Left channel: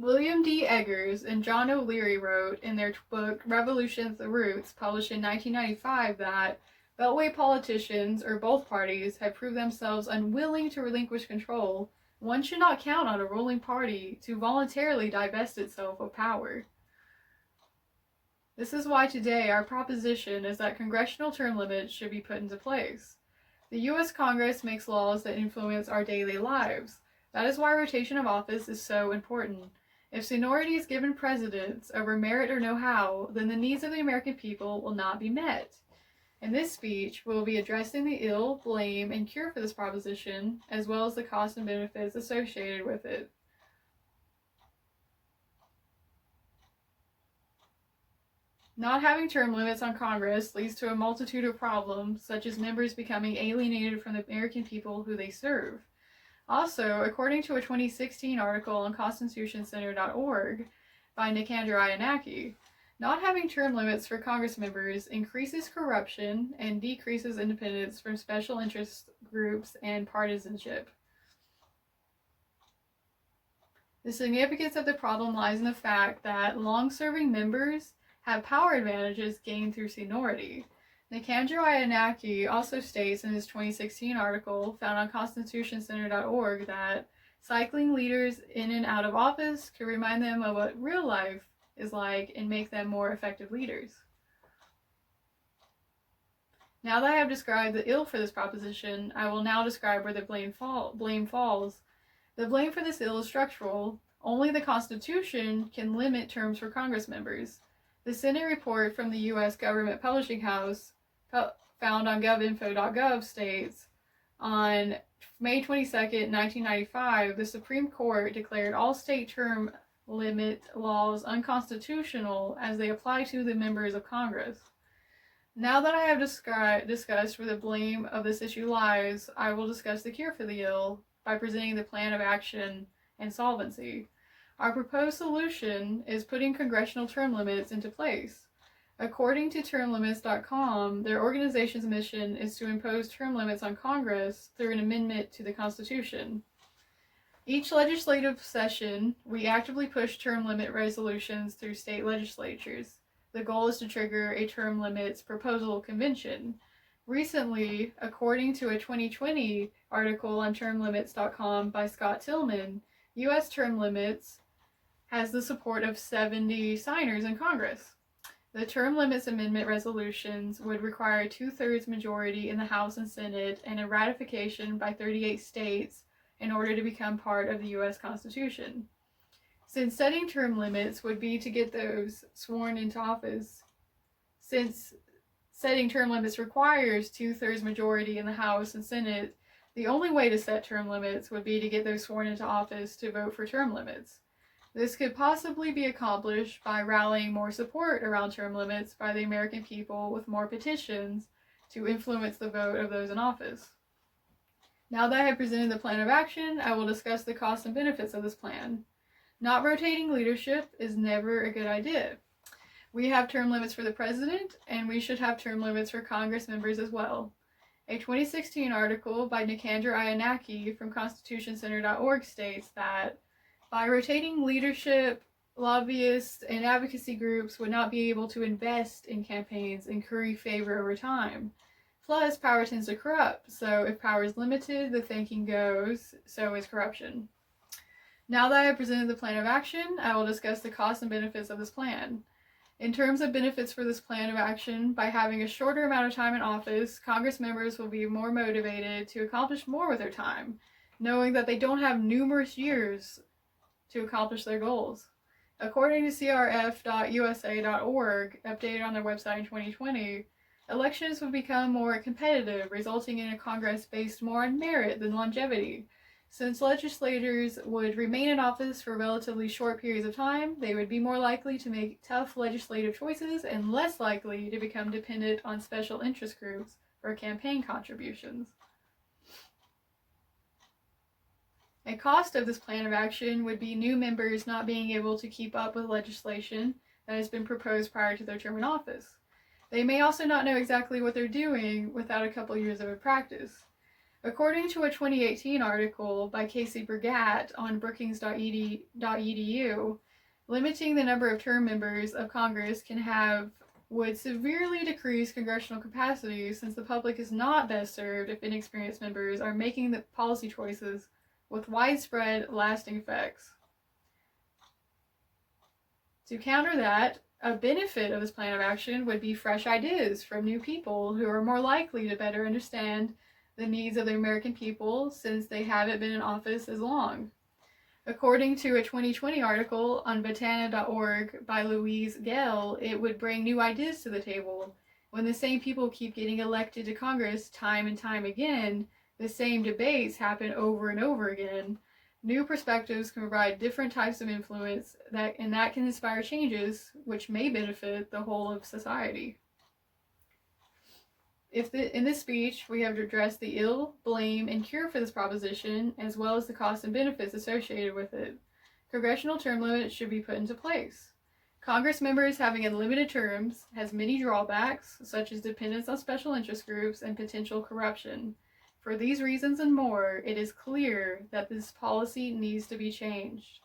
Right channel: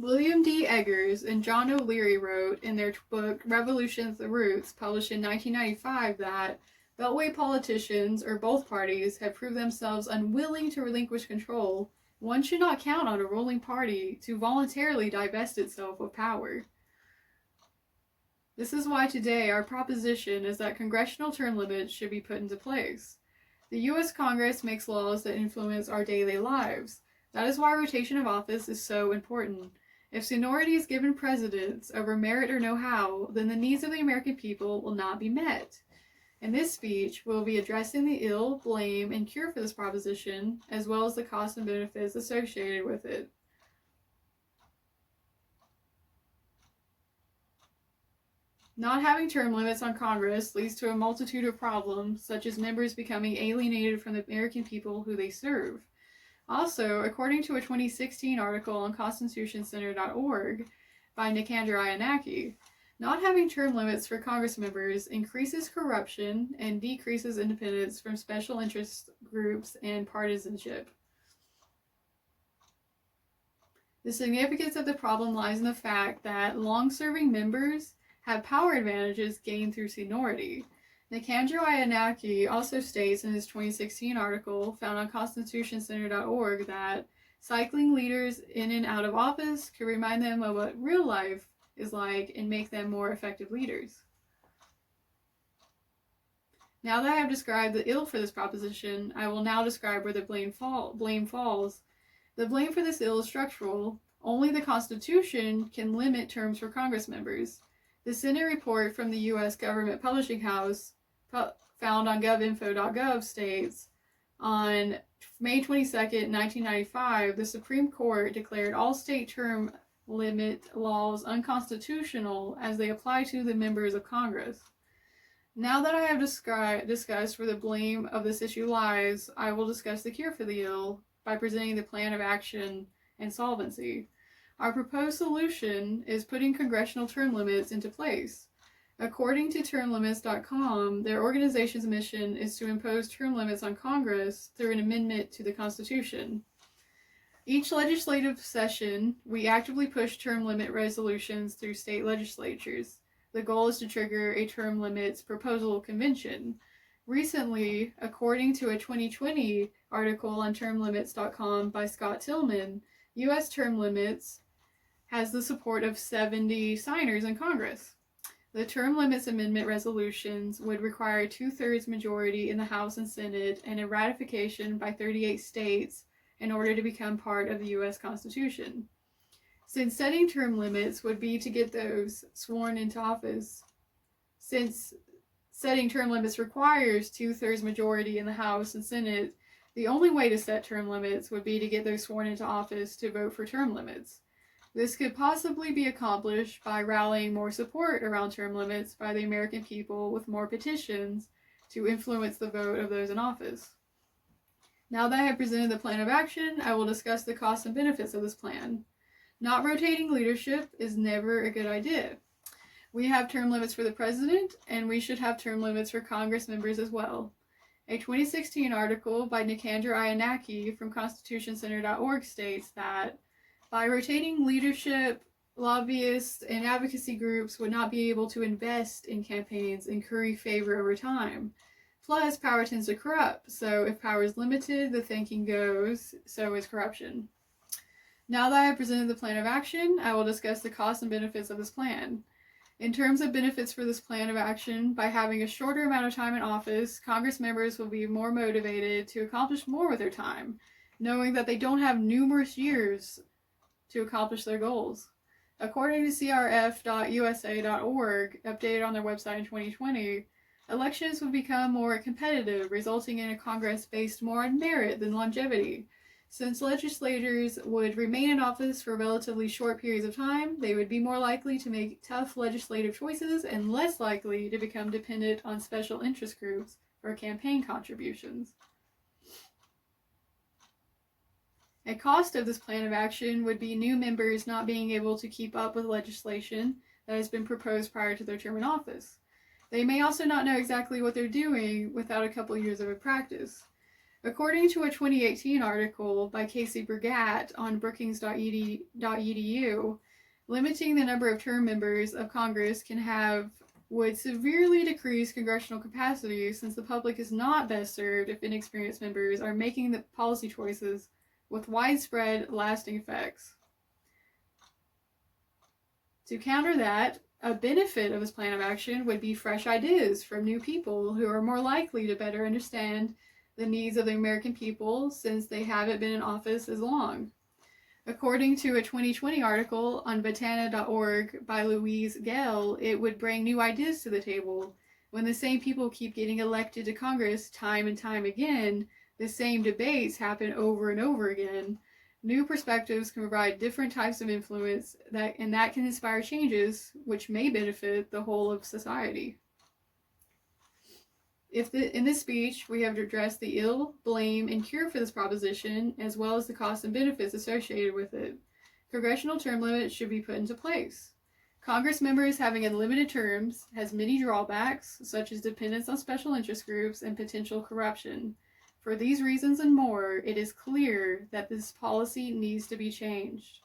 William D. Eggers and John O'Leary wrote in their book Revolution's the Roots, published in 1995, that Beltway politicians, or both parties, have proved themselves unwilling to relinquish control. One should not count on a ruling party to voluntarily divest itself of power. This is why today our proposition is that congressional term limits should be put into place. The U.S. Congress makes laws that influence our daily lives. That is why rotation of office is so important. If seniority is given precedence over merit or know-how, then the needs of the American people will not be met. In this speech, we will be addressing the ill, blame, and cure for this proposition, as well as the costs and benefits associated with it. Not having term limits on Congress leads to a multitude of problems, such as members becoming alienated from the American people who they serve. Also, according to a 2016 article on constitutioncenter.org by Nicandra Iannacky, not having term limits for Congress members increases corruption and decreases independence from special interest groups and partisanship. The significance of the problem lies in the fact that long-serving members have power advantages gained through seniority. Nicandra Iannacky also states in his 2016 article found on constitutioncenter.org that cycling leaders in and out of office could remind them of what real life is like and make them more effective leaders. Now that I have described the ill for this proposition, I will now describe where the blame falls. The blame for this ill is structural. Only the Constitution can limit terms for Congress members. The Senate report from the U.S. Government Publishing House, found on govinfo.gov, states, on May 22, 1995, the Supreme Court declared all state term limit laws unconstitutional as they apply to the members of Congress. Now that I have discussed where the blame of this issue lies, I will discuss the cure for the ill by presenting the plan of action and solvency. Our proposed solution is putting congressional term limits into place. According to termlimits.com, their organization's mission is to impose term limits on Congress through an amendment to the Constitution. Each legislative session, we actively push term limit resolutions through state legislatures. The goal is to trigger a term limits proposal convention. Recently, according to a 2020 article on termlimits.com by Scott Tillman, U.S. term limits has the support of 70 signers in Congress. The term limits amendment resolutions would require a 2/3 majority in the House and Senate and a ratification by 38 states in order to become part of the U.S. Constitution. Since setting term limits would be to get those sworn into office, since setting term limits requires 2/3 majority in the House and Senate, the only way to set term limits would be to get those sworn into office to vote for term limits. This could possibly be accomplished by rallying more support around term limits by the American people with more petitions to influence the vote of those in office. Now that I have presented the plan of action, I will discuss the costs and benefits of this plan. Not rotating leadership is never a good idea. We have term limits for the president, and we should have term limits for Congress members as well. A 2016 article by Nicandra Iannacky from constitutioncenter.org states that by rotating leadership, lobbyists and advocacy groups would not be able to invest in campaigns and curry favor over time. Plus, power tends to corrupt, so if power is limited, the thinking goes, so is corruption. Now that I have presented the plan of action, I will discuss the costs and benefits of this plan. In terms of benefits for this plan of action, by having a shorter amount of time in office, Congress members will be more motivated to accomplish more with their time, knowing that they don't have numerous years to accomplish their goals. According to crf.usa.org, updated on their website in 2020, elections would become more competitive, resulting in a Congress based more on merit than longevity. Since legislators would remain in office for relatively short periods of time, they would be more likely to make tough legislative choices and less likely to become dependent on special interest groups for campaign contributions. A cost of this plan of action would be new members not being able to keep up with legislation that has been proposed prior to their term in office. They may also not know exactly what they're doing without a couple years of practice. According to a 2018 article by Casey Bragatt on brookings.edu, limiting the number of term members of Congress would severely decrease congressional capacity, since the public is not best served if inexperienced members are making the policy choices with widespread, lasting effects. To counter that, a benefit of this plan of action would be fresh ideas from new people who are more likely to better understand the needs of the American people, since they haven't been in office as long. According to a 2020 article on Batana.org by Louise Gale, it would bring new ideas to the table. When the same people keep getting elected to Congress time and time again, the same debates happen over and over again. New perspectives can provide different types of influence that can inspire changes which may benefit the whole of society. In this speech, we have addressed the ill, blame, and cure for this proposition, as well as the costs and benefits associated with it. Congressional term limits should be put into place. Congress members having unlimited terms has many drawbacks, such as dependence on special interest groups and potential corruption. For these reasons and more, it is clear that this policy needs to be changed.